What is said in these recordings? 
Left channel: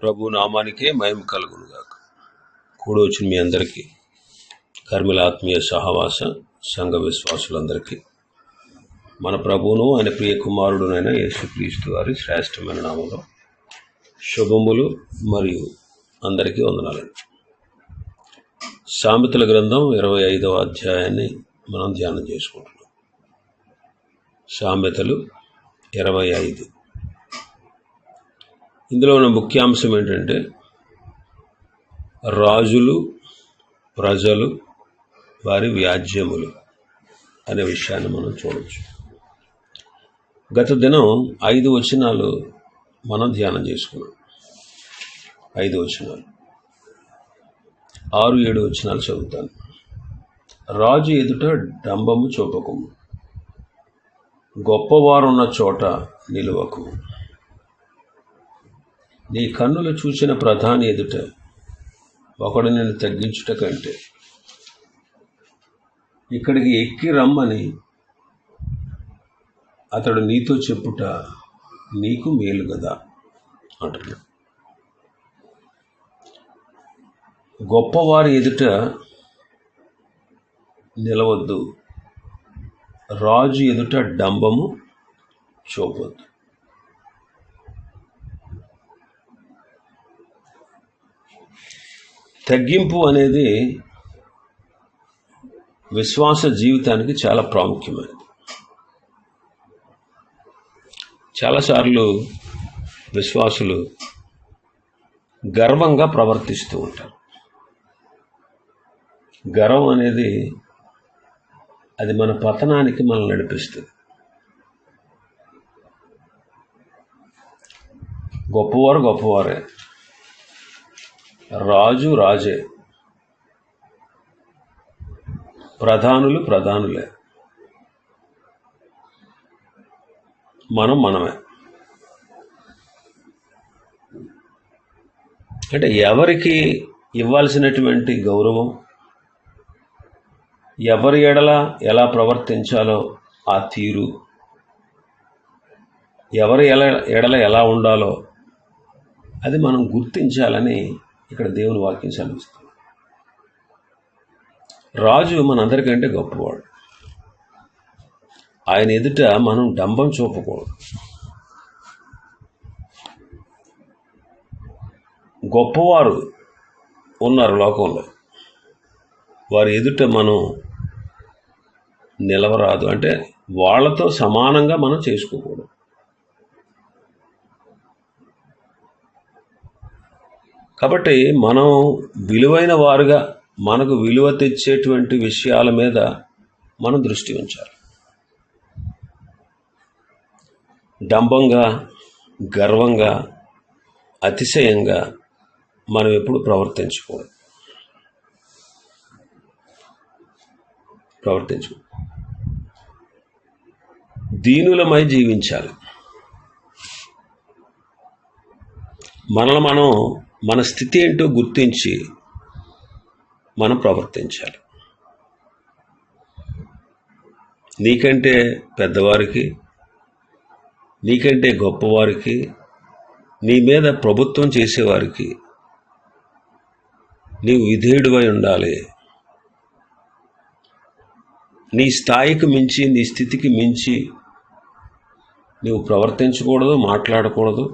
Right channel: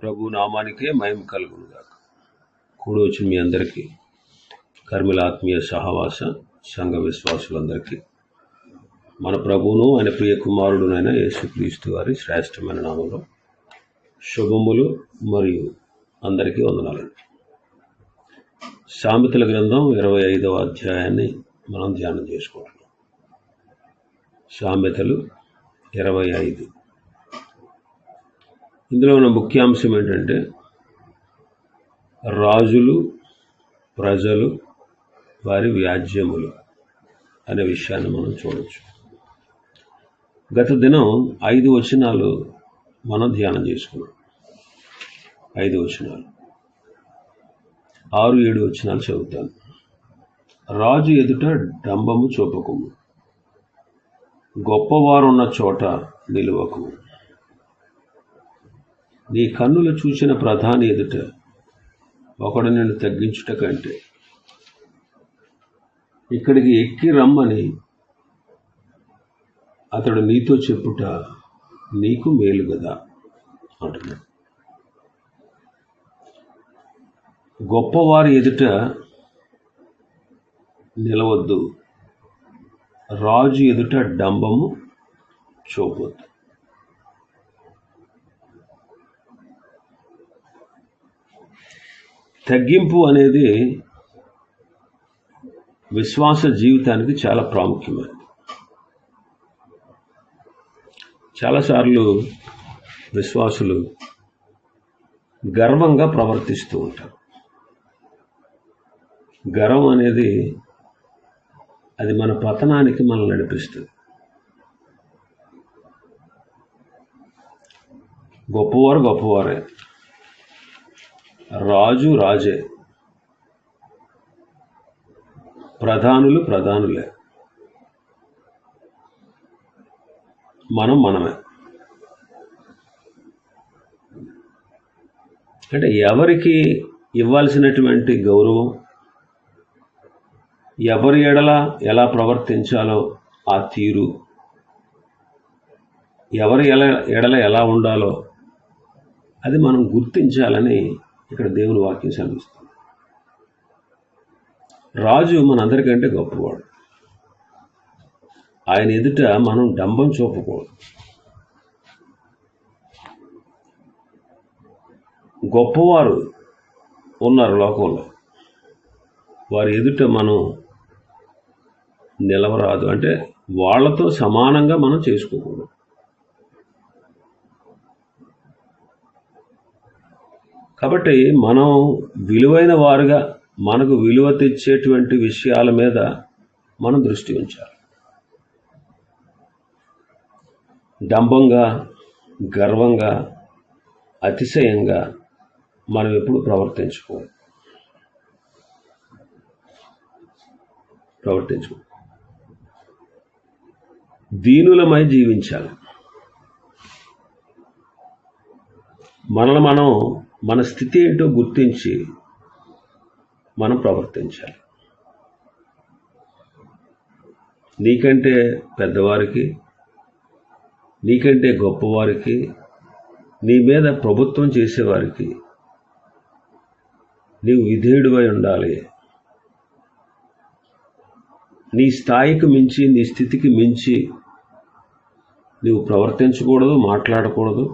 ప్రభు నామానికే మహిమ కలుగునుగాక. కూడి వచ్చిన మీ అందరికీ, కర్మిల ఆత్మీయ సహవాస సంఘ విశ్వాసులందరికీ మన ప్రభువును ఆయన ప్రియ కుమారుడునైన యేసుక్రీస్తు వారి శ్రేష్టమైన నామంలో శుభములు మరియు అందరికీ వందనాలండి. సామెతల గ్రంథం 25వ అధ్యాయాన్ని మనం ధ్యానం చేసుకుంటున్నాం. సామెతలు 25. ఇందులో ఉన్న ముఖ్యాంశం ఏంటంటే రాజులు, ప్రజలు, వారి వ్యాజ్యములు అనే విషయాన్ని మనం చూడవచ్చు. గత దినం 5 వచనాలు మనం ధ్యానం చేసుకున్నాం. 5 వచనాలు, 6-7 వచనాలు చదువుతాను. రాజు ఎదుట డంబము చూపకము, గొప్పవారున్న చోట నిలువకు. నీ కన్నులు చూసిన ప్రధాని ఎదుట ఒకడు నిన్ను తగ్గించుట కంటే ఇక్కడికి ఎక్కి రమ్మని అతడు నీతో చెప్పుట నీకు మేలు కదా అంటున్నాడు. గొప్పవారి ఎదుట నిలవద్దు, రాజు ఎదుట డంబము చూపొద్దు. తగ్గింపు అనేది విశ్వాస జీవితానికి చాలా ప్రాముఖ్యమైనది. చాలాసార్లు విశ్వాసులు గర్వంగా ప్రవర్తిస్తూ ఉంటారు. గర్వం అనేది అది మన పతనానికి మనల్ని నడిపిస్తుంది. గొప్పవారు గొప్పవారే, రాజు రాజే, ప్రధానులు ప్రధానులే, మనం మనమే. అంటే ఎవరికి ఇవ్వాల్సినటువంటి గౌరవం, ఎవరి ఎడల ఎలా ప్రవర్తించాలో ఆ తీరు, ఎవరి ఎడల ఎలా ఉండాలో అది మనం గుర్తించాలని ఇక్కడ దేవుని వాక్యం సెలవిస్తుంది. రాజు మనందరికంటే గొప్పవాడు. ఆయన ఎదుట మనం డంబం చూపకూడదు. గొప్పవారు ఉన్నారు లోకంలో, వారి ఎదుట మనం నిలవరాదు. అంటే వాళ్ళతో సమానంగా మనం చేసుకోకూడదు. కాబట్టి మనం విలువైన వారుగా, మనకు విలువ తెచ్చేటువంటి విషయాల మీద మనం దృష్టి ఉంచాలి. డంబంగా, గర్వంగా, అతిశయంగా మనం ఎప్పుడు ప్రవర్తించకూడదు. దీనులమై జీవించాలి. మనల్ని మనం మన స్థితి ఏంటో గుర్తించి మనం ప్రవర్తించాలి. నీకంటే పెద్దవారికి, నీకంటే గొప్పవారికి, నీ మీద ప్రభుత్వం చేసేవారికి నీవు విధేయుడివై ఉండాలి. నీ స్థాయికి మించి, నీ స్థితికి మించి నీవు ప్రవర్తించకూడదు, మాట్లాడకూడదు.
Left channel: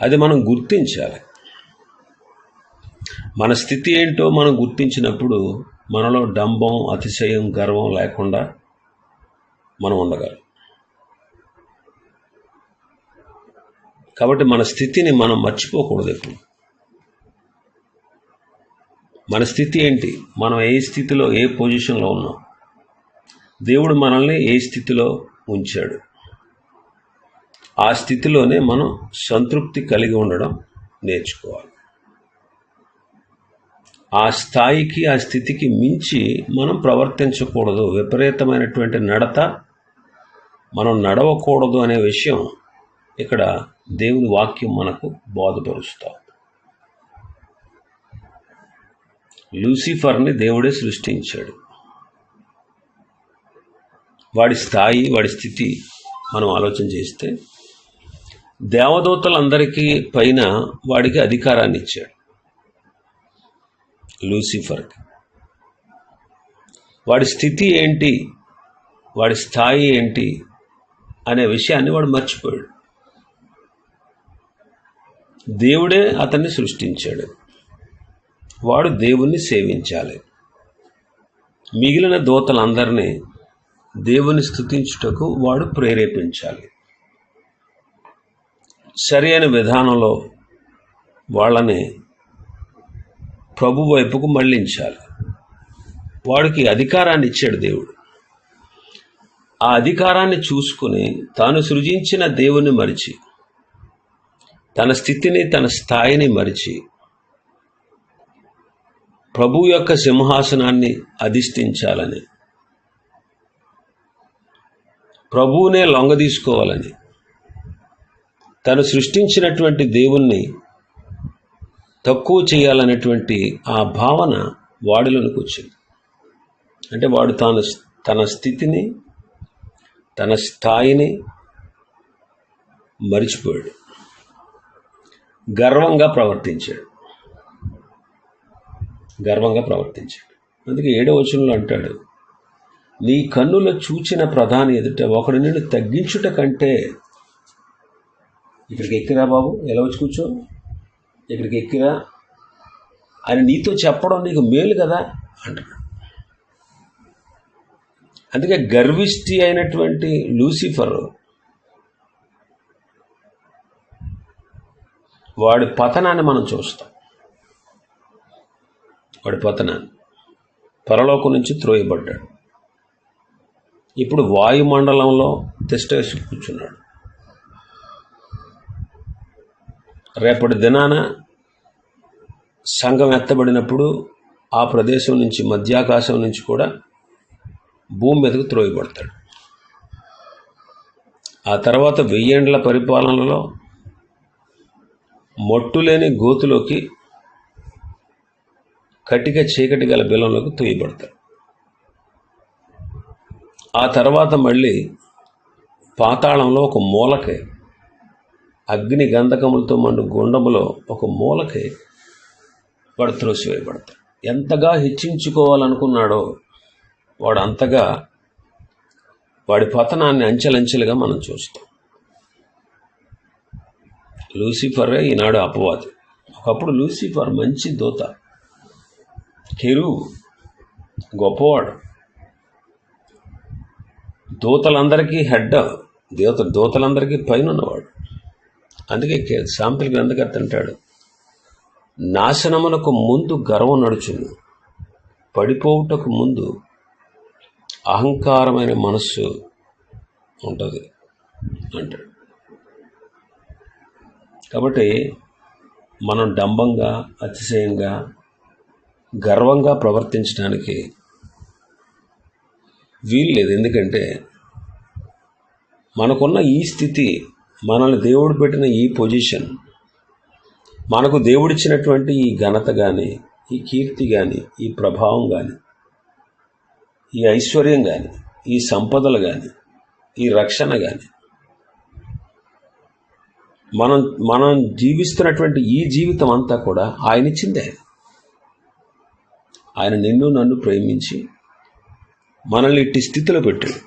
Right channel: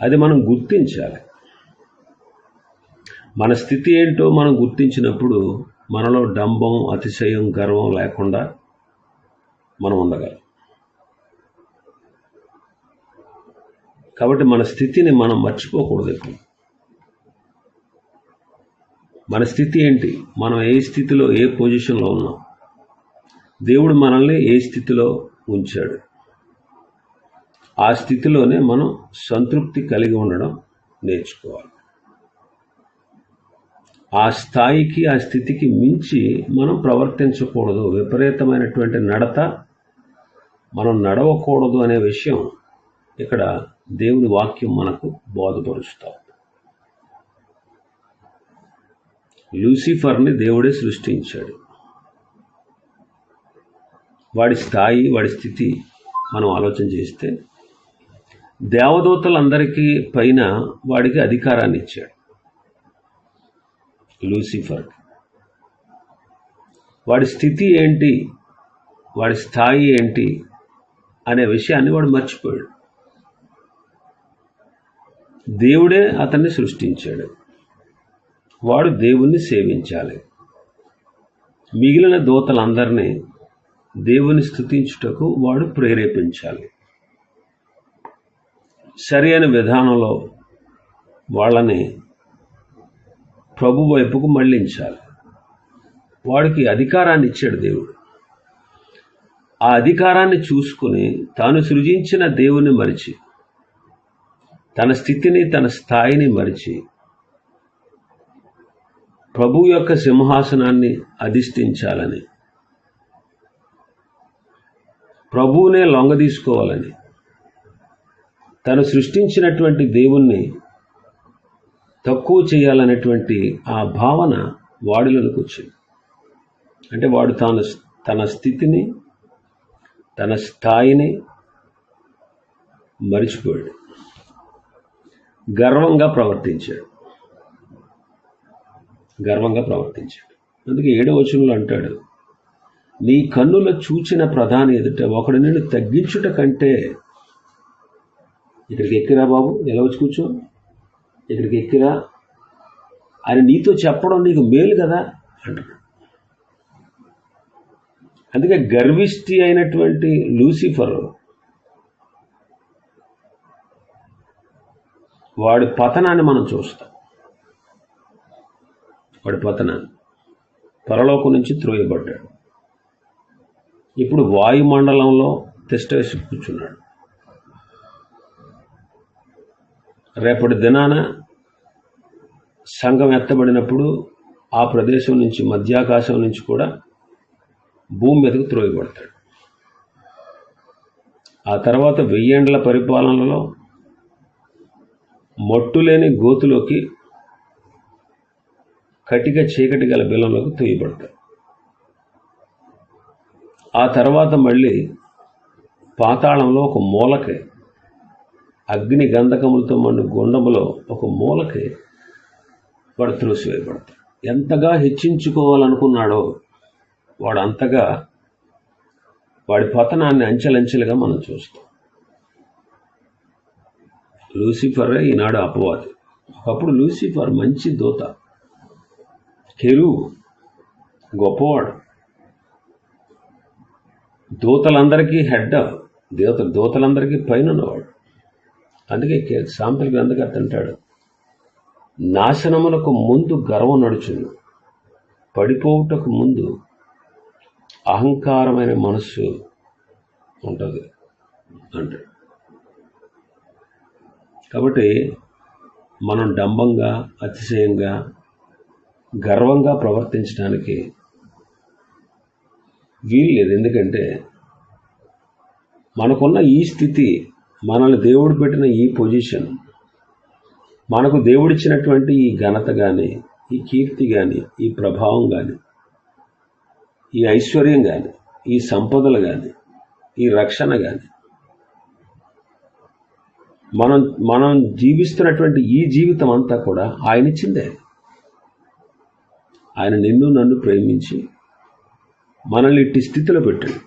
అది మనం గుర్తించాలి. మన స్థితి ఏంటో మనం గుర్తించినప్పుడు మనలో డంబం, అతిశయం, గర్వం లేకుండా మనం ఉండగలం. కాబట్టి మన స్థితిని మనం మర్చిపోకూడదు ఎప్పుడు. మన స్థితి ఏంటి, మనం ఏ స్థితిలో, ఏ పొజిషన్లో ఉన్నాం, దేవుడు మనల్ని ఏ స్థితిలో ఉంచాడు, ఆ స్థితిలోనే మనం సంతృప్తి కలిగి ఉండడం నేర్చుకోవాలి. ఆ స్థాయికి, ఆ స్థితికి మించి మనం ప్రవర్తించకూడదు. విపరీతమైనటువంటి నడత మనం నడవకూడదు అనే విషయం ఇక్కడ దేవుని వాక్యం మనకు బోధపరుస్తాం. లూసిఫర్ని దేవుడే సృష్టించాడు. వాడి స్థాయి, వాడి స్థితి మనం ఆలోచన చేస్తే దేవదూతలందరికీ పైన వాడికి అధికారాన్ని ఇచ్చాడు, లూసిఫర్కి. వాడి స్థితి ఏంటి, వాడి స్థాయి ఏంటి అనే విషయాన్ని వాడు మర్చిపోయాడు. దేవుడే అతన్ని సృష్టించాడు, వాడు దేవుణ్ణి సేవించాలి. మిగిలిన దూతలందరినీ దేవుని స్తుతించుటకు వాడు ప్రేరేపించాలి. సరి అయిన విధానంలో వాళ్ళని ప్రభు వైపుకు మళ్ళించాలి. వాడికి అధికారాన్ని ఇచ్చాడు దేవుడు. ఆ అధికారాన్ని చూసుకుని తాను సృజించిన దేవుని మరిచి, తన స్థితిని తన స్థాయిని మరిచి ప్రభు యొక్క సింహాసనాన్ని అధిష్ఠించాలని, ప్రభువునే లొంగదీసుకోవాలని, తను సృష్టించినటువంటి దేవుణ్ణి తక్కువ చేయాలనేటువంటి ఆ భావన వాడిలోనికి వచ్చింది. అంటే వాడు తన స్థితిని తన స్థాయిని మరిచిపోయాడు, గర్వంగా ప్రవర్తించాడు. అందుకే 7వ వచనంలో అంటాడు, నీ కన్నుల చూచిన ప్రధాని ఎదుట ఒకడు నిన్ను తగ్గించుట కంటే, ఇక్కడికి ఎక్కిరా బాబు, ఎలా వచ్చి కూర్చో, ఇక్కడికి ఎక్కిరా అని నీతో చెప్పడం నీకు మేలు కదా అంటున్నాడు. అందుకే గర్విష్టి అయినటువంటి లూసిఫర్ వాడి పతనాన్ని మనం చూస్తాం. వాడి పతనాన్ని, పరలోకం నుంచి త్రోయబడ్డాడు. ఇప్పుడు వాయుమండలంలో తిష్టవేసి కూర్చున్నాడు. రేపటి దినాన సంఘం ఎత్తబడినప్పుడు ఆ ప్రదేశం నుంచి, మధ్యాకాశం నుంచి కూడా భూమి మీదకు త్రోయబడతాడు. ఆ తర్వాత 1000 ఏండ్ల పరిపాలనలో మొట్టులేని గోతులోకి, కటిక చీకటి గల బిలంలోకి తోయబడతాడు. ఆ తర్వాత మళ్ళీ పాతాళంలో ఒక మూలకి, అగ్ని గంధకములతో మండు గుండములో ఒక మూలకి వాడు త్రోసివేయబడతాడు. ఎంతగా హెచ్చించుకోవాలనుకున్నాడో వాడు అంతగా వాడి పతనాన్ని అంచెలంచెలుగా మనం చూస్తాం. లూసిఫర్ ఈనాడు అపవాది. ఒకప్పుడు లూసిఫర్ మంచి దూత, కెరూబు, గొప్పవాడు, దూతలందరికీ హెడ్, దూతలందరికీ పైన ఉన్నవాడు. అందుకే సామెతల గ్రంథకర్త అంటాడు, నాశనమునకు ముందు గర్వం నడుచును, పడిపోవుటకు ముందు అహంకారమైన మనస్సు ఉంటుంది అంటాడు. కాబట్టి మనం డంబంగా, అతిశయంగా, గర్వంగా ప్రవర్తించడానికి వీల్లేదు. ఎందుకంటే మనకున్న ఈ స్థితి, మనల్ని దేవుడు పెట్టిన ఈ పొజిషన్, మనకు దేవుడిచ్చినటువంటి ఈ ఘనత కానీ, ఈ కీర్తి కానీ, ఈ ప్రభావం కానీ, ఈ ఐశ్వర్యం కానీ, ఈ సంపదలు కానీ, ఈ రక్షణ కానీ, మనం జీవిస్తున్నటువంటి ఈ జీవితం అంతా కూడా ఆయన ఇచ్చిందే. ఆయన నిన్ను నన్ను ప్రేమించి మనల్ని ఇట్టి స్థితిలో పెట్టాడు.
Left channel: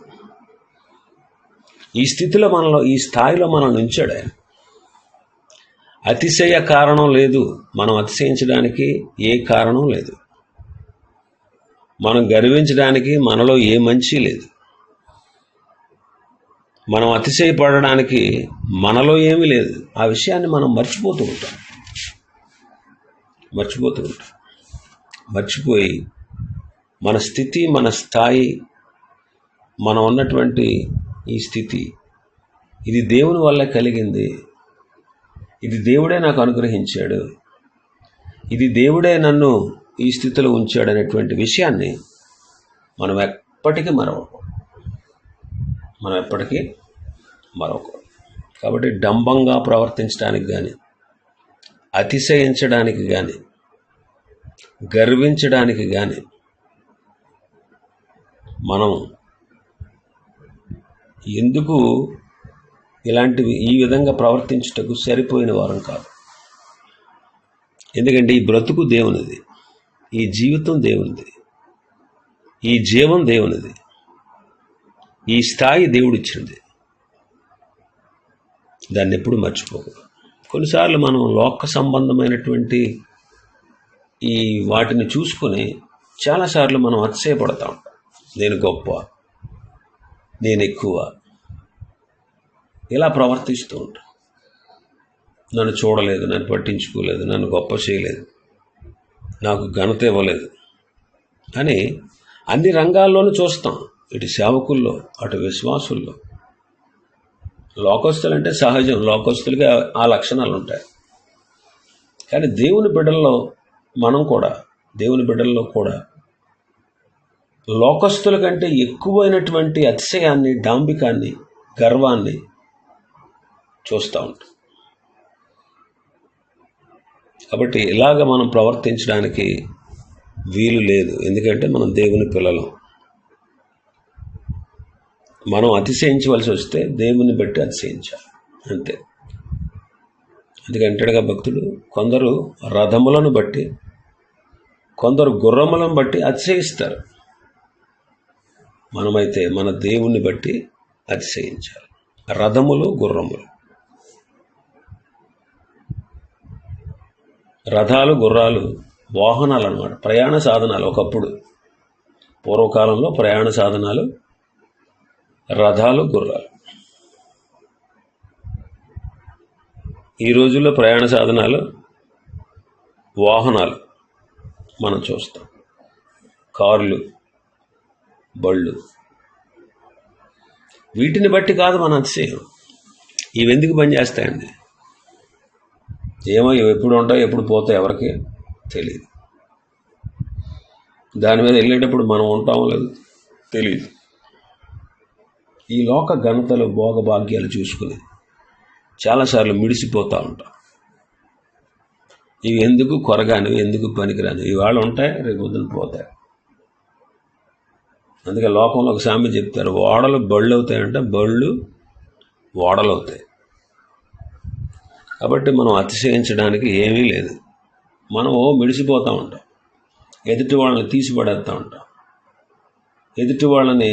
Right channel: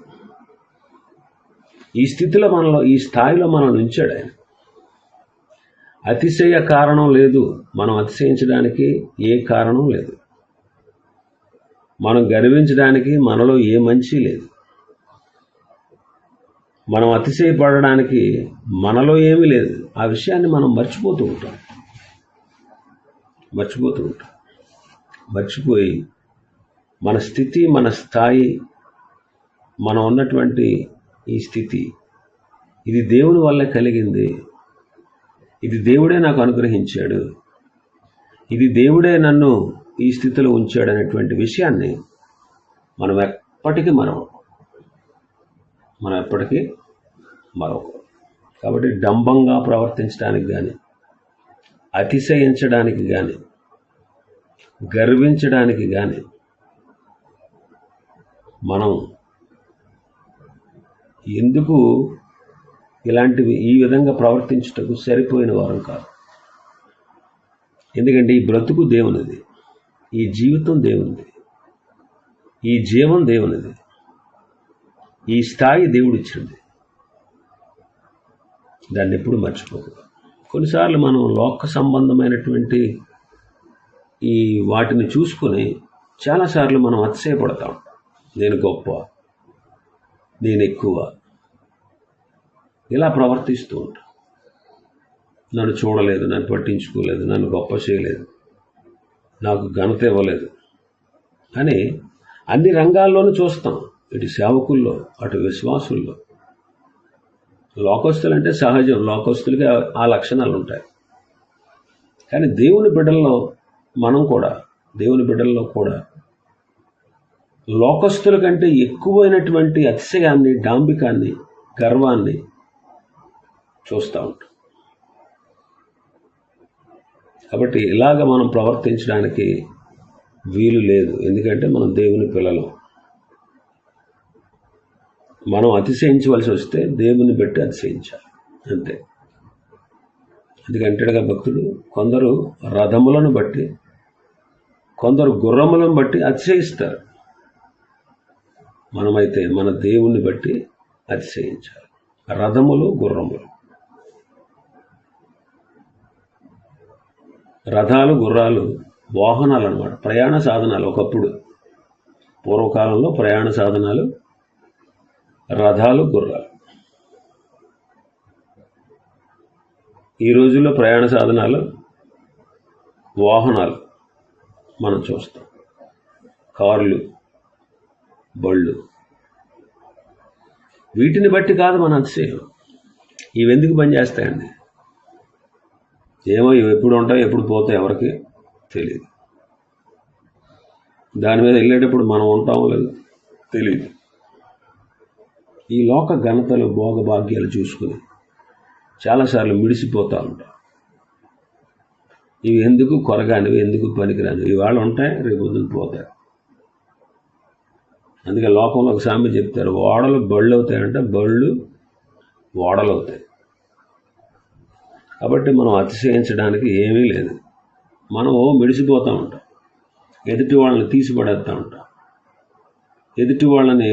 ఈ స్థితిలో ఈ స్థాయిలో మనల్ని ఉంచాడు ఆయన. అతిశయ కారణం లేదు, మనం అతిశయించడానికి ఏ కారణం లేదు, మనం గర్వించడానికి మనలో ఏ మంచి లేదు, మనం అతిశయపడడానికి మనలో ఏమీ లేదు. ఆ విషయాన్ని మనం మర్చిపోతూ ఉంటాం. మర్చిపోయి మన స్థితి, మన స్థాయి, మనం ఉన్నటువంటి ఈ స్థితి, ఇది దేవుని వల్ల కలిగింది, ఇది దేవుడే నాకు అనుగ్రహించాడు, ఇది దేవుడే నన్ను ఈ స్థితిలో ఉంచాడు అనేటువంటి విషయాన్ని మనం ఎప్పటికీ మరొకరు. కాబట్టి డంబంగా ప్రవర్తించడానికి కానీ, అతిశయించడానికి కానీ, గర్వించడానికి కానీ మనం ఎందుకు ఇలాంటివి ఈ విధంగా ప్రవర్తించుటకు సరిపోయిన వారం కాదు. ఎందుకంటే ఈ బ్రతుకు దేవునిది, ఈ జీవితం దేవునిది, ఈ జీవం దేవునిది, ఈ స్థాయి దేవుడిచ్చింది. దాన్ని ఎప్పుడు మర్చిపోకూడదు. కొన్నిసార్లు మనం లోక సంబంధమైనటువంటి ఈ వాటిని చూసుకొని చాలాసార్లు మనం అతిశయపడతాం. నేను గొప్ప, నేను ఎక్కువ, ఇలా ప్రవర్తిస్తూ ఉంటాం. నన్ను చూడలేదు, నన్ను పట్టించుకోలేదు, నన్ను గొప్ప చేయలేదు, నాకు ఘనత ఇవ్వలేదు అని అన్ని రంగాల్లోనూ చూస్తాం. ఇటు సేవకుల్లో, అటు విశ్వాసుల్లో. లోకస్తులంటే సహజం, లోకస్తులకి ఆ లక్షణాలు ఉంటాయి. కానీ దేవుని బిడ్డల్లో కూడా లోకస్తుల కంటే ఎక్కువైనటువంటి అతిశయాన్ని, డాంబికాన్ని, గర్వాన్ని చూస్తూ ఉంటాం. కాబట్టి ఇలాగ మనం ప్రవర్తించడానికి వీలు లేదు. ఎందుకంటే మనం దేవుని పిల్లలం. మనం అతిశయించవలసి వస్తే దేవుని బట్టి అతిశయించాలి, అంతే. ఎందుకంటాడుగా భక్తుడు, కొందరు రథములను బట్టి, కొందరు గుర్రములను బట్టి అతిశయిస్తారు. మనమైతే మన దేవుని బట్టి అతిశయించాలి. రథములు, గుర్రములు, రథాలు, గుర్రాలు వాహనాలు అన్నమాట, ప్రయాణ సాధనాలు. ఒకప్పుడు పూర్వకాలంలో ప్రయాణ సాధనాలు రథాలు, గుర్రాలు. ఈ రోజుల్లో ప్రయాణ సాధనాలు వాహనాలు మనం చూస్తాం. కార్లు, బళ్ళు. వీటిని బట్టి కాదు మన అతిశయం. ఇవి ఎందుకు పనిచేస్తాయండి? ఏమో ఇవి ఎప్పుడు ఉంటాయి, ఎప్పుడు పోతాయి, ఎవరికి తెలియదు. దాని మీద వెళ్ళేటప్పుడు మనం ఉంటామో లేదు తెలియదు. ఈ లోక ఘనతలు, భోగభాగ్యాలు చూసుకుని చాలాసార్లు మిడిసిపోతూ ఉంటాం. ఇవి ఎందుకు కొరగానివి, ఎందుకు పనికిరానివి, ఇవాళ ఉంటాయి, రేపు పొద్దున పోతాయి. అందుకే లోకంలో ఒక సామెత చెప్తారు, ఓడలు బళ్ళు అవుతాయంటే బళ్ళు ఓడలు అవుతాయి. కాబట్టి మనం అతిశయించడానికి ఏమీ లేదు. మనం మిడిసిపోతూ ఉంటాం, ఎదుటి వాళ్ళని తీసిపడేస్తూ ఉంటాం, ఎదుటి వాళ్ళని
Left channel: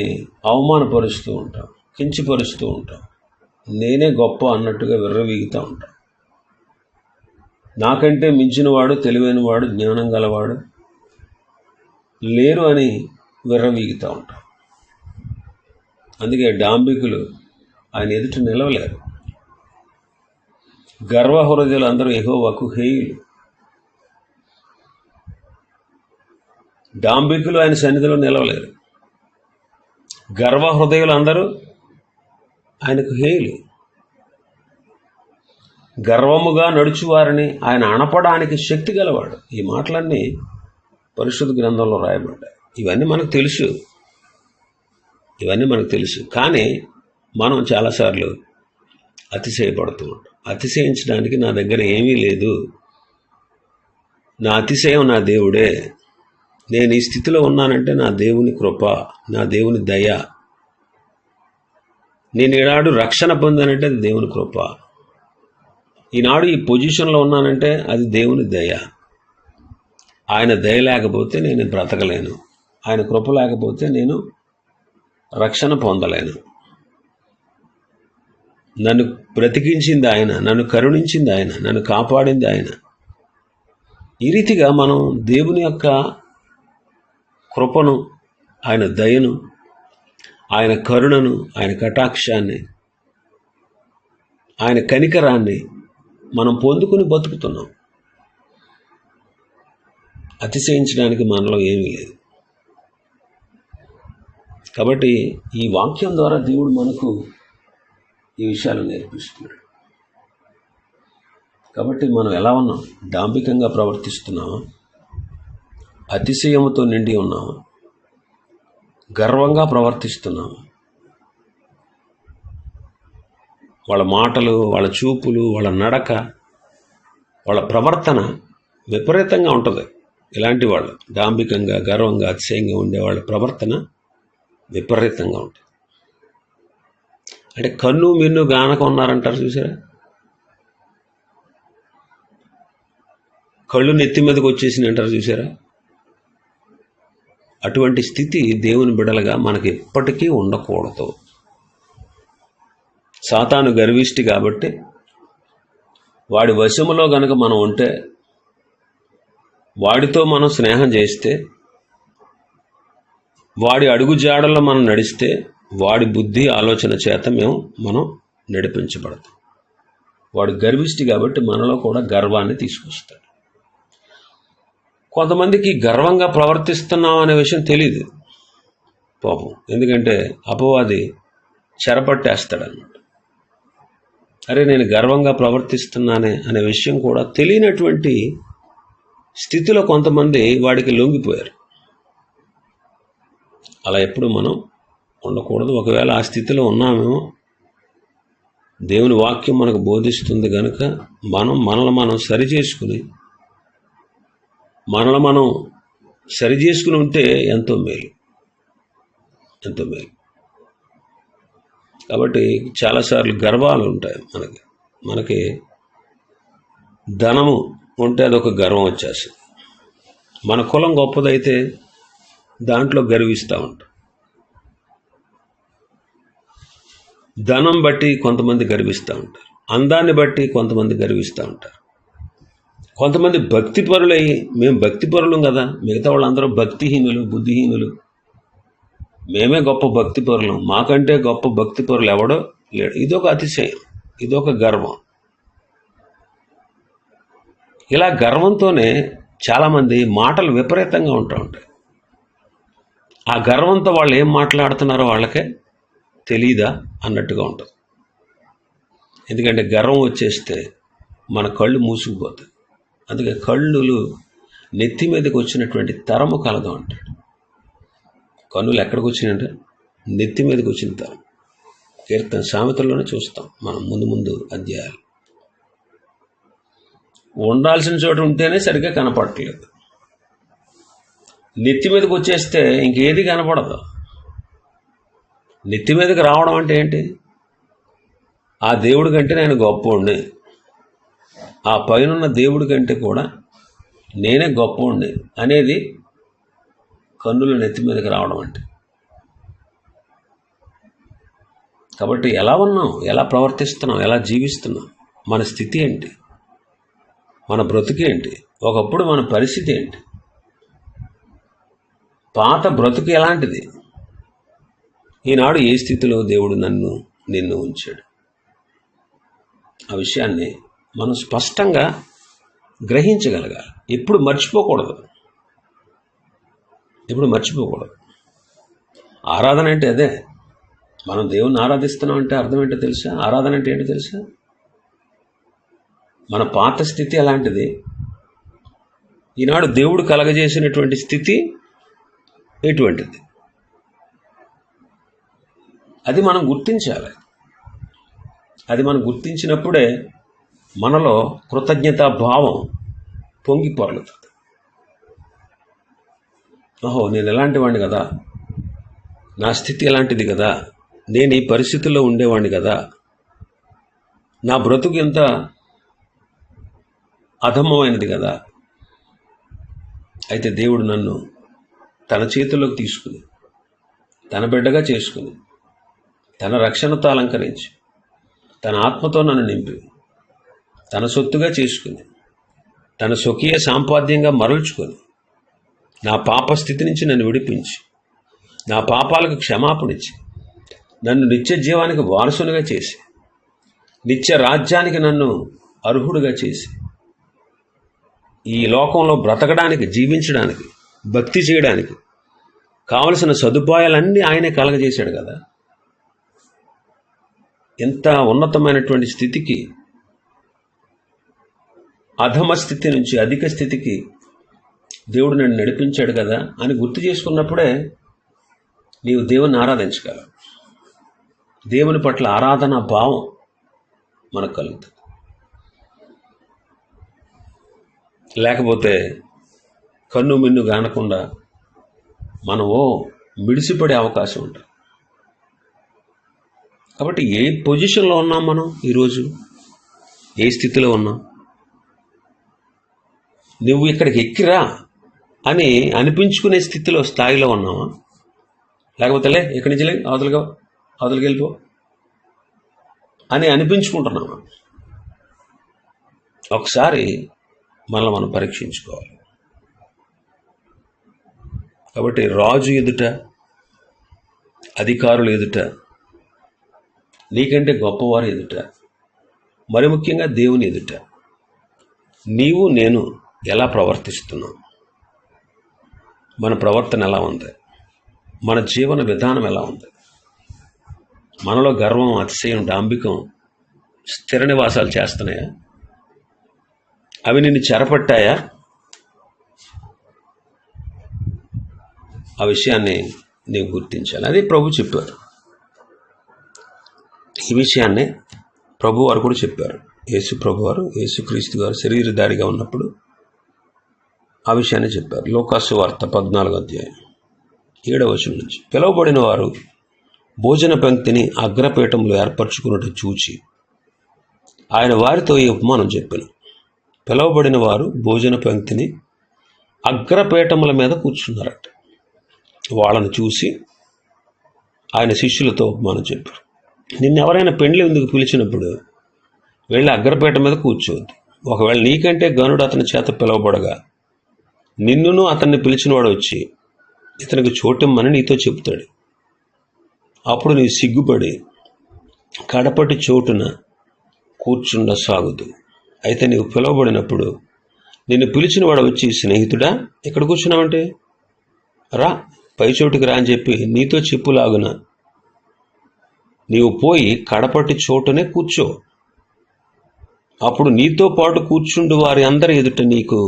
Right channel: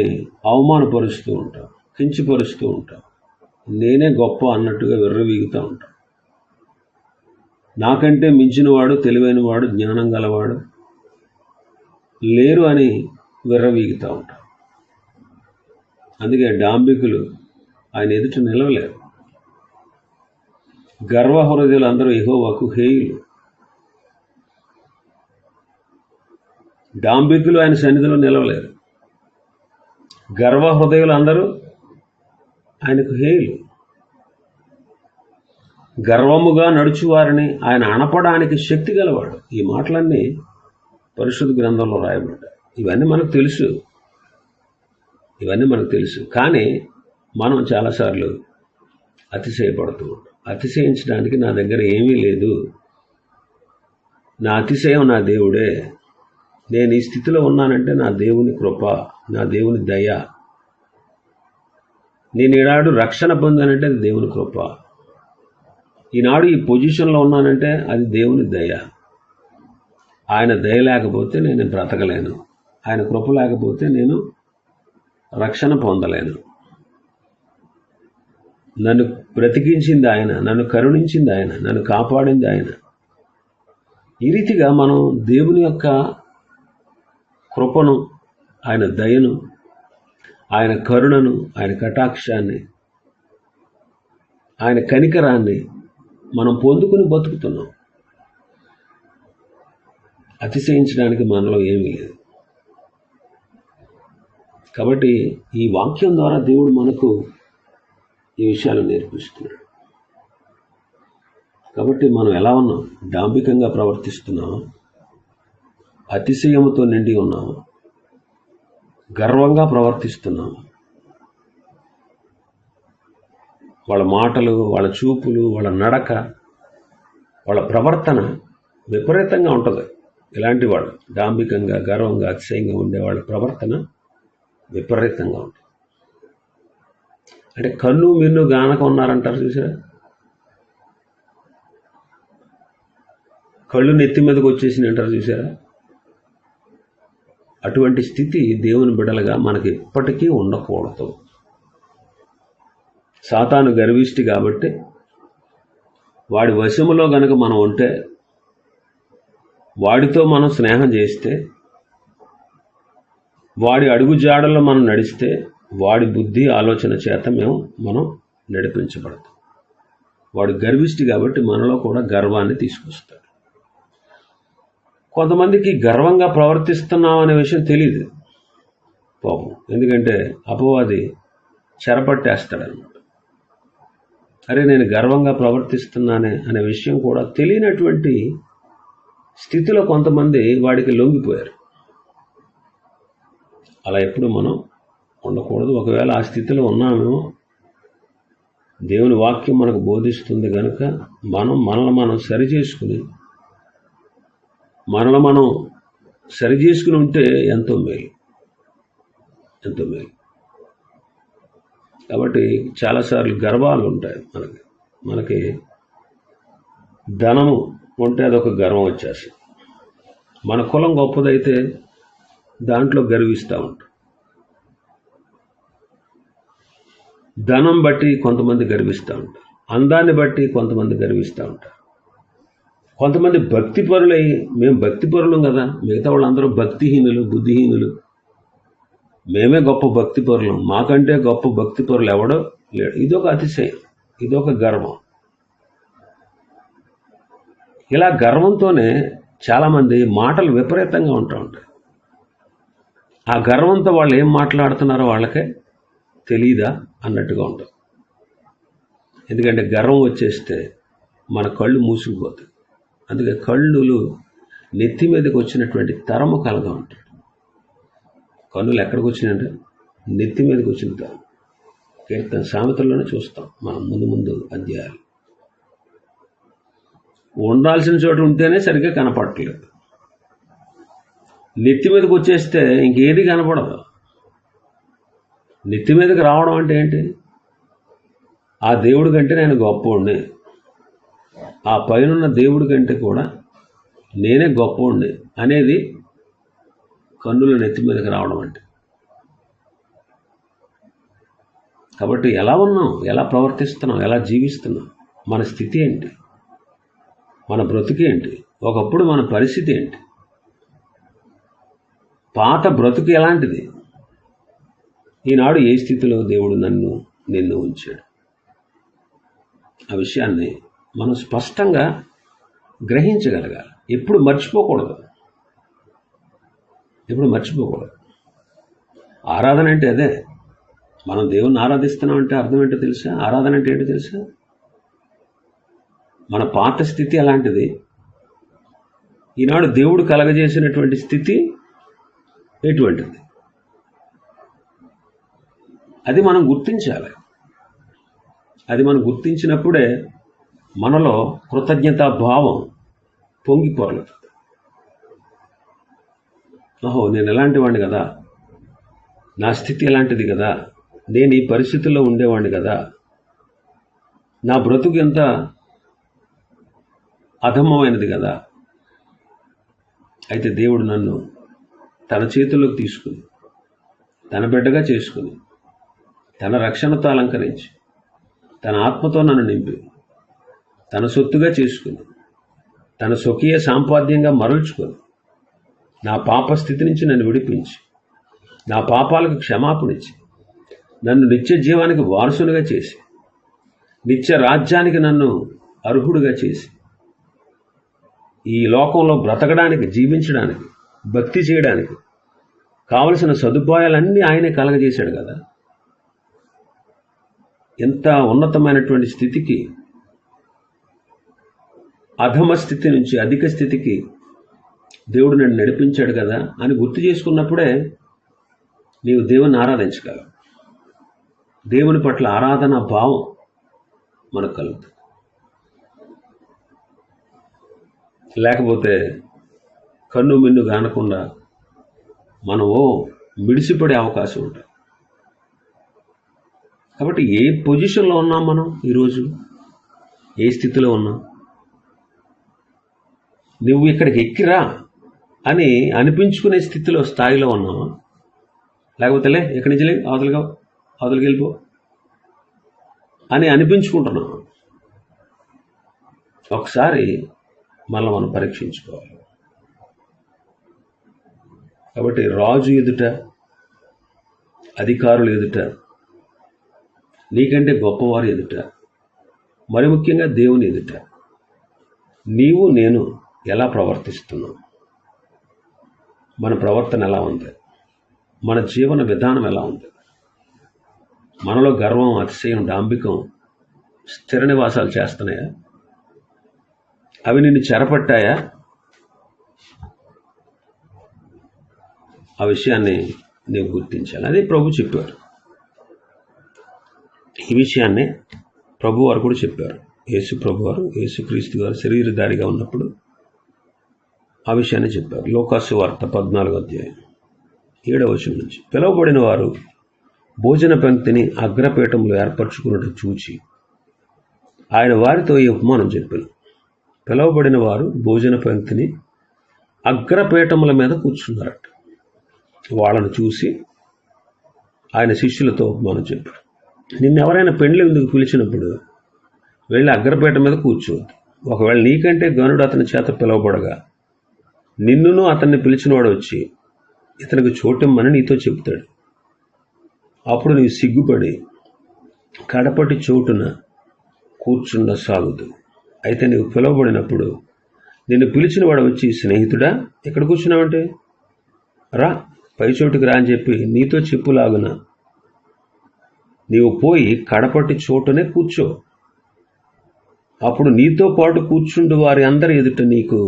అవమానపరుస్తూ ఉంటాం, కించపరుస్తూ ఉంటాం, నేనే గొప్ప అన్నట్టుగా విర్రవీగుతూ ఉంటాం. నాకంటే మించినవాడు, తెలివైనవాడు, జ్ఞానం గలవాడు లేరు అని విర్రవీగుతూ ఉంటాం. అందుకే డాంబికులు ఆయన ఎదుట నిలవలేరు. గర్వహృదయులు అందరూ యెహోవాకు హేయులు. డాంబికులు ఆయన సన్నిధిలో నిలవలేరు. గర్వహృదయులు అందరూ ఆయనకు హేయులు. గర్వముగా నడుచువారిని ఆయన అణపడానికి శక్తి గలవాడు. ఈ మాటలన్నీ పరిశుద్ధ గ్రంథంలో రాయబడ్డాయి. ఇవన్నీ మనకు తెలుసు. కానీ మనం చాలాసార్లు అతిశయపడుతూ ఉంటాం. అతిశయించడానికి నా దగ్గర ఏమీ లేదు, నా అతిశయం నా దేవుడే, నేను ఈ స్థితిలో ఉన్నానంటే నా దేవుని కృప, నా దేవుని దయ, నేను ఈనాడు రక్షణ పొందానంటే అది దేవుని కృప, ఈనాడు ఈ పొజిషన్లో ఉన్నానంటే అది దేవుని దయ. ఆయన దయ లేకపోతే నేను బ్రతకలేను, ఆయన కృప లేకపోతే నేను రక్షణ పొందలేను. నన్ను బ్రతికించింది ఆయన, నన్ను కరుణించింది ఆయన, నన్ను కాపాడింది ఆయన. ఈ రీతిగా మనం దేవుని యొక్క కృపను, ఆయన దయను, ఆయన కరుణను, ఆయన కటాక్షాన్ని, ఆయన కనికరాన్ని మనం పొందుకుని బతుకుతున్నాం. అతిశయించడానికి మనలో ఏమీ లేదు. కాబట్టి ఈ వాక్యం ద్వారా దేవుడు మనకు ఈ విషయాలు నేర్పిస్తున్నాడు. కాబట్టి మనం ఎలా ఉన్నాం? డాంబికంగా ప్రవర్తిస్తున్నామా? అతిశయముతో నిండి ఉన్నామా? గర్వంగా ప్రవర్తిస్తున్నామా? వాళ్ళ మాటలు, వాళ్ళ చూపులు, వాళ్ళ నడక, వాళ్ళ ప్రవర్తన విపరీతంగా ఉంటుంది. ఇలాంటి వాళ్ళు డాంబికంగా, గర్వంగా, అతిశయంగా ఉండే వాళ్ళ ప్రవర్తన విపరీతంగా ఉంటుంది. అంటే కన్ను మిన్ను గానక ఉన్నారంటారు చూసారా, కళ్ళు నెత్తి మీదకి వచ్చేసింది అంటారు చూసారా. అటువంటి స్థితి దేవుని బిడలుగా మనకి ఎప్పటికీ ఉండకూడదు. సాతాను గర్విష్టి కాబట్టి వాడి వశములో గనక మనం ఉంటే, వాడితో మనం స్నేహం చేస్తే, వాడి అడుగు జాడల్లో మనం నడిస్తే, వాడి బుద్ధి ఆలోచన చేత మనం నడిపించబడతాం. వాడు గర్విష్టి కాబట్టి మనలో కూడా గర్వాన్ని తీసుకొస్తాడు. కొంతమందికి గర్వంగా ప్రవర్తిస్తున్నాం అనే విషయం తెలియదు పాపం, ఎందుకంటే అపవాది చెరపట్టేస్తాడన్నమాట. అరే నేను గర్వంగా ప్రవర్తిస్తున్నానే అనే విషయం కూడా తెలియనటువంటి స్థితిలో కొంతమంది వాడికి లొంగిపోయారు. అలా ఎప్పుడు మనం ఉండకూడదు. ఒకవేళ ఆ స్థితిలో ఉన్నామేమో, దేవుని వాక్యం మనకు బోధిస్తుంది కనుక మనల్ని మనం సరిచేసుకుని ఉంటే ఎంతో మేలు, ఎంతో మేలు. కాబట్టి చాలాసార్లు గర్వాలు ఉంటాయి మనకి ధనము ఉంటే అదొక గర్వం వచ్చేస్తుంది. మన కులం గొప్పదైతే దాంట్లో గర్విస్తూ ఉంటాం. ధనం బట్టి కొంతమంది గర్విస్తూ ఉంటారు, అందాన్ని బట్టి కొంతమంది గర్విస్తూ ఉంటారు. కొంతమంది భక్తిపరులై మేము భక్తిపరులం కదా, మిగతా వాళ్ళందరూ భక్తిహీనులు, బుద్ధిహీనులు, మేమే గొప్ప భక్తిపరులం, మాకంటే గొప్ప భక్తిపరులు ఎవడో లేడు. ఇదొక అతిశయం, ఇదొక గర్వం. ఇలా గర్వంతోనే చాలామంది మాటలు విపరీతంగా ఉంటాయి. ఆ గర్వంతో వాళ్ళు ఏం మాట్లాడుతున్నారో వాళ్ళకే తెలీదా అన్నట్టుగా ఉంటుంది. ఎందుకంటే గర్వం వచ్చేస్తే మన కళ్ళు మూసుకుపోతాయి. అందుకే కళ్ళు నెత్తి మీదకి వచ్చినటువంటి తరము కలదు అంటాడు. కన్నులు ఎక్కడికి వచ్చినాయంటే నెత్తి మీదకి వచ్చిన తరం. కీర్తన సామెతల్లోనే చూస్తాం మనం ముందు అధ్యాయాలు. ఉండాల్సిన చోట ఉంటేనే సరిగ్గా కనపడట్లేదు. నెత్తి మీదకి వచ్చేస్తే ఇంకేది కనపడదు. నెత్తి మీదకి రావడం అంటే ఏంటి? ఆ దేవుడి కంటే నేను గొప్పోడిని, ఆ పైనున్న దేవుడి కంటే కూడా నేనే గొప్పోడిని అనేది కన్నుల నెత్తి మీదకి రావడం అంటే. కాబట్టి ఎలా ఉన్నాం, ఎలా ప్రవర్తిస్తున్నాం, ఎలా జీవిస్తున్నాం, మన స్థితి ఏంటి, మన బ్రతుకు ఏంటి, ఒకప్పుడు మన పరిస్థితి ఏంటి, పాత బ్రతుకు ఎలాంటిది, ఈనాడు ఏ స్థితిలో దేవుడు నిన్ను ఉంచాడు, ఆ విషయాన్ని మనం స్పష్టంగా గ్రహించగలగాలి. ఎప్పుడు మర్చిపోకూడదు. ఆరాధన అంటే అదే. మనం దేవుణ్ణి ఆరాధిస్తున్నాం అంటే అర్థం ఏంటో తెలుసా? ఆరాధన అంటే ఏంటో తెలుసా? మన పాత స్థితి అలాంటిది, ఈనాడు దేవుడు కలగజేసినటువంటి స్థితి ఎటువంటిది, అది మనం గుర్తించాలి. అది మనం గుర్తించినప్పుడే మనలో కృతజ్ఞతా భావం పొంగి పొరలుతుంది. ఓహో, నేను ఎలాంటి వాడిని కదా, నా స్థితి ఎలాంటిది కదా, నేను ఈ పరిస్థితుల్లో ఉండేవాడిని కదా, నా బ్రతుకు ఎంత అధమమైనది కదా. అయితే దేవుడు నన్ను తన చేతుల్లోకి తీసుకుని, తన బిడ్డగా చేసుకుని, తన రక్షణతో అలంకరించి, తన ఆత్మతో నన్ను నింపి, తన సొత్తుగా చేసుకుని, తన స్వకీయ సాంపాద్యంగా మరల్చుకొని, నా పాప స్థితి నుంచి నన్ను విడిపించి, నా పాపాలకు క్షమాపణించి, నన్ను నిత్య జీవానికి వారసునిగా చేసి, నిత్య రాజ్యానికి నన్ను అర్హుడుగా చేసి, ఈ లోకంలో బ్రతకడానికి, జీవించడానికి, భక్తి చేయడానికి కావలసిన సదుపాయాలన్నీ ఆయనే కలగజేశాడు కదా. ఎంత ఉన్నతమైనటువంటి స్థితికి, అధమ స్థితి నుంచి అధిక స్థితికి దేవుడు నన్ను నడిపించాడు కదా అని గుర్తు చేసుకున్నప్పుడే నీవు దేవుని ఆరాధించగలవు. దేవుని పట్ల ఆరాధన భావం మనకు కలుగుతుంది. లేకపోతే కన్ను మిన్ను కానకుండా మనం మిడిసిపడే అవకాశం ఉంటుంది. కాబట్టి ఏ పొజిషన్లో ఉన్నాం మనం ఈరోజు? ఏ స్థితిలో ఉన్నాం? నువ్వు ఇక్కడికి ఎక్కిరా అని అనిపించుకునే స్థాయిలో ఉన్నావా? లేకపోతే ఎక్కడి నుంచి అవతలికి వెళ్ళిపో అని అనిపించుకుంటున్నావా? ఒకసారి మనం పరీక్షించుకోవాలి. కాబట్టి రాజు ఎదుట, అధికారులు ఎదుట, నీకంటే గొప్పవారు ఎదుట, మరి ముఖ్యంగా దేవుని ఎదుట నీవు నేను ఎలా ప్రవర్తిస్తున్నాం? మన ప్రవర్తన ఎలా ఉంది? మన జీవన విధానం ఎలా ఉంది? మనలో గర్వం, అతిశయం, డాంబికం స్థిర నివాసాలు చేస్తున్నాయా? అవి నిన్ను చెరపట్టాయా? ఆ విషయాన్ని నీవు గుర్తించాలి. అది ప్రభు చెప్పారు. ఈ విషయాన్ని ప్రభు వారు కూడా చెప్పారు. యేసుక్రీస్తు గారు శరీరధారిగా ఉన్నప్పుడు ఆ విషయాన్ని చెప్పారు. లోకాసు వార్త 14వ అధ్యాయం 7వ వచనం నుంచి, పిలువబడిన వారు భోజన పంక్తిని అగ్రపీఠంలో ఏర్పరచుకున్నట్టు చూచి ఆయన వారితో ఈ ఉపమానం చెప్పాను. పిలువబడిన వారు భోజన పంక్తిని అగ్రపీఠముల మీద కూర్చున్నారట. వాళ్ళను చూసి ఆయన శిష్యులతో ఉపమానం చెప్పారు. నిన్నెవరైనా పెండ్లి ఎందుకు పిలిచినప్పుడు వెళ్ళి అగ్రపీఠం మీద కూర్చోవద్దు. ఒకవేళ నీకంటే గనుడు అతని చేత పిలువబడగా నిన్నును అతన్ని పిలిచినవాడు వచ్చి ఇతనికి చోటిమ్మని నీతో చెప్తాడు. అప్పుడు నీవు సిగ్గుపడి కడపటి చోటున కూర్చుండ సాగుదు. అయితే నీవు పిలువబడినప్పుడు నిన్ను పిలిచినవాడు వచ్చి, స్నేహితుడా ఇక్కడ కూర్చున్నావంటే రా, పై చోటుకి రా అని చెప్పి నీతో చెప్పులాగున నీవు పోయి కడపటి చోటునే కూర్చో. అప్పుడు నీతో పాటు కూర్చుండు వారి అందరి ఎదుట నీకు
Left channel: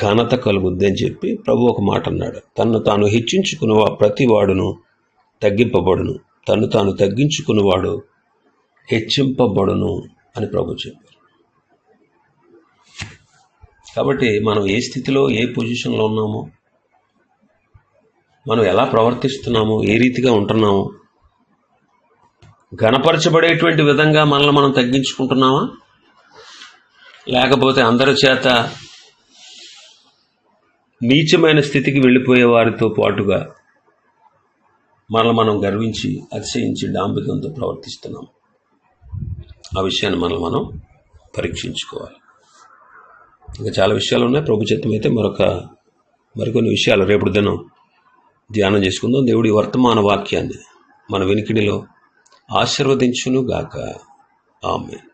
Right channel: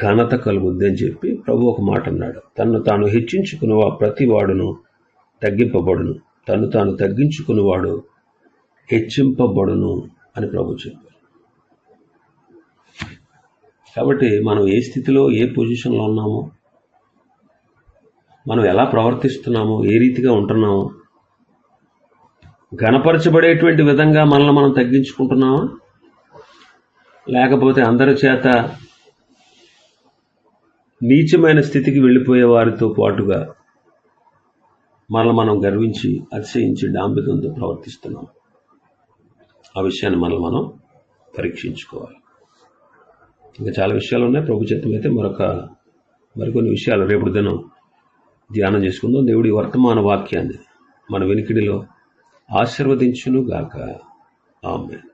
ఘనత కలుగుద్ది అని చెప్పి ప్రభు ఒక మాట అన్నాడు. తన్ను తాను హెచ్చించుకున్న ప్రతి వాడును తగ్గింపబడును, తన్ను తాను తగ్గించుకున్నవాడు హెచ్చింపబడును అని ప్రభు చెప్పారు. కాబట్టి మనం ఏ స్థితిలో, ఏ పొజిషన్లో ఉన్నామో, మనం ఎలా ప్రవర్తిస్తున్నామో, ఏ రీతిగా ఉంటున్నామో, ఘనపరచబడేటువంటి విధంగా మనల్ని మనం తగ్గించుకుంటున్నామా, లేకపోతే అందరి చేత నీచమైన స్థితికి వెళ్ళిపోయే వారితో పాటుగా మనల్ని మనం గర్వించి, అతిశయించి, డాంబికంతో ప్రవర్తిస్తున్నాం? ఆ విషయాన్ని మనం పరీక్షించుకోవాలి. ఇంకా చాలా విషయాలు ఉన్నాయి. ప్రభు చిత్తం అయితే మరికొన్ని విషయాలు రేపటి దినం ధ్యానం చేసుకుందాం. దేవుడి వర్తమాన వాక్యాన్ని మన వినికిడిలో ఆశీర్వదించును గాక. ఆమేన్.